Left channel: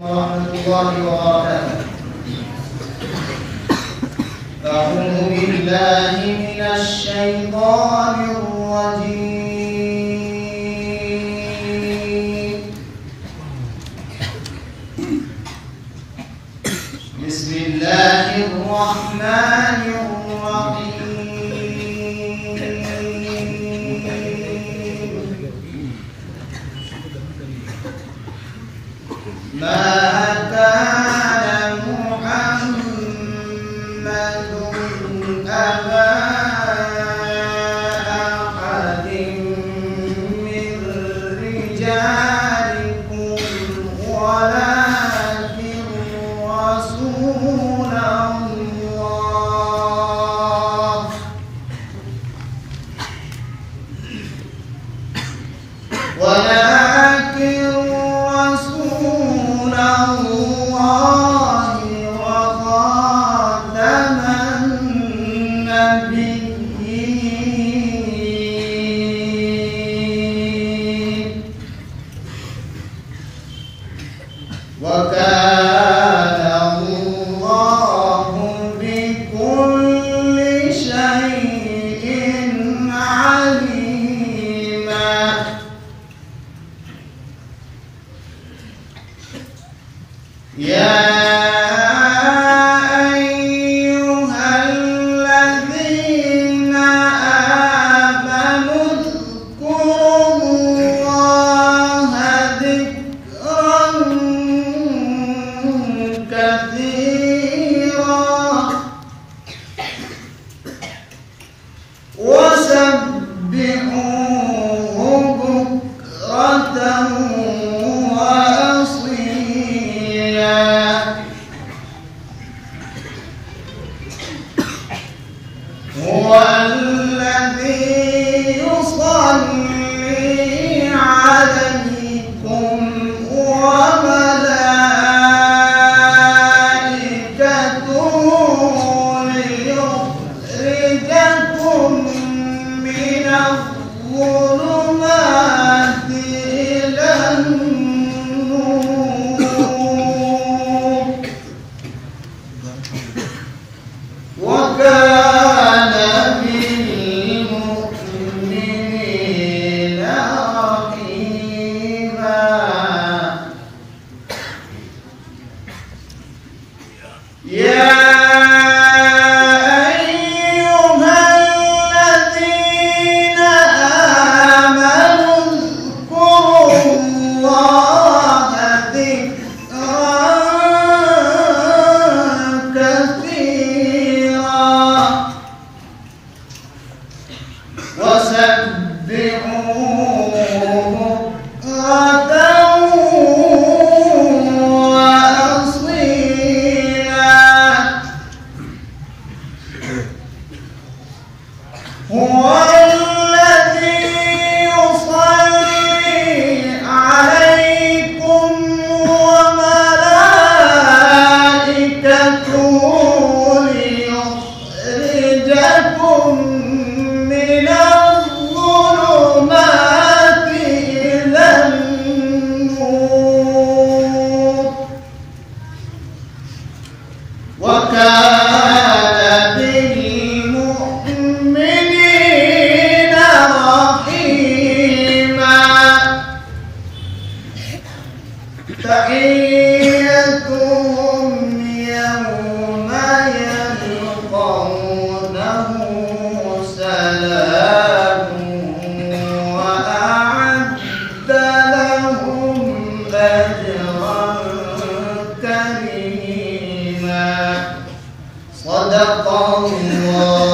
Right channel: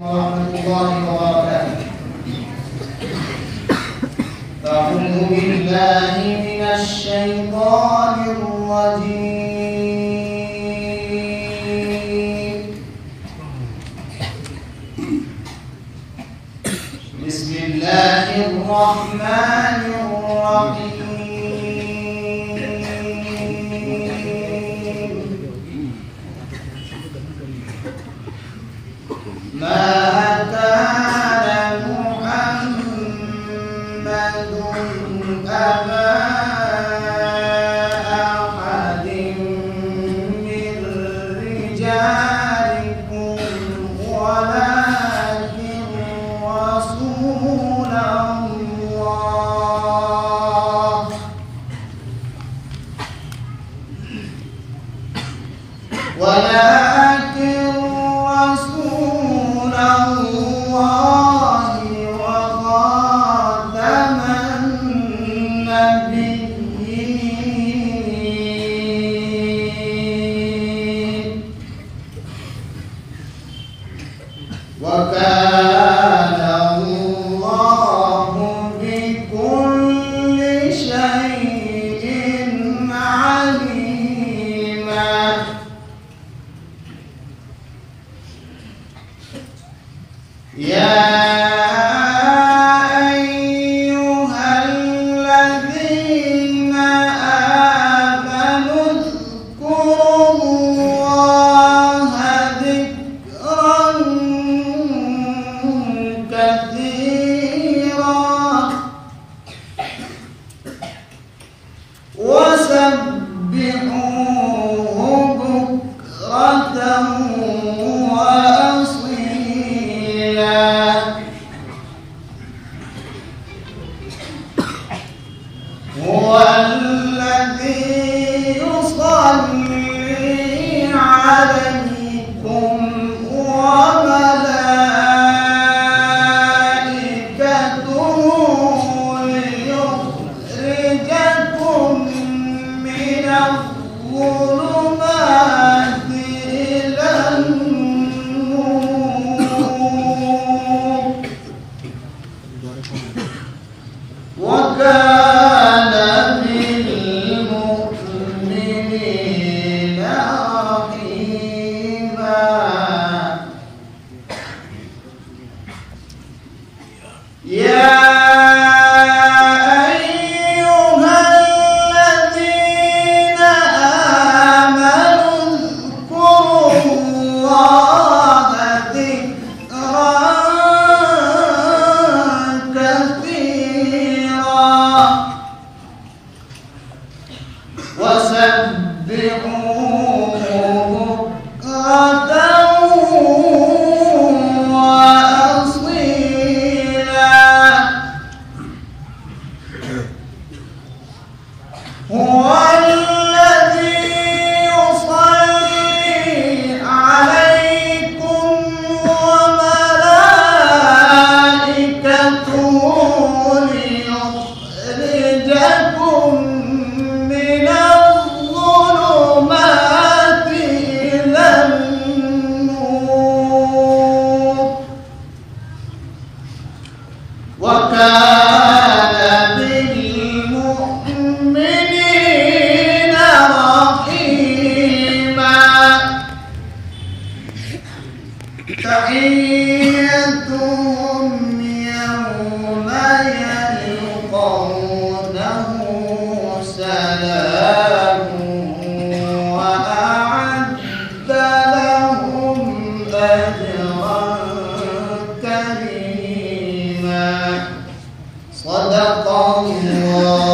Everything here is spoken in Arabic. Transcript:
ورحمة الله وبركاته. أعوذ بالله من الشيطان الرجيم. بسم الله الرحمن الرحيم. ما كان محمد أبا أحد من رجالكم ولكن رسول الله وكان الله بكل شيء عليما. يا أيها الذين آمنوا اذكروا الله ذكرا كثيرا وسبحوه بكرة وأصيلا. هو الذي يصلي عليكم وملائكته ليخرجكم من الظلمات إلى النور وكان بالمؤمنين رحيما. يا أيها الذين آمنوا اذكروا الله ذكرا كثيرا وسبحوه بكرة وأصيلا. هو الذي يصلي عليكم وملائكته ليخرجكم من الظلمات إلى النور وكان بالمؤمنين رحيما. تحيتهم يوم يلقونه سلام وأعد لهم أجرا كريما. صدق الله.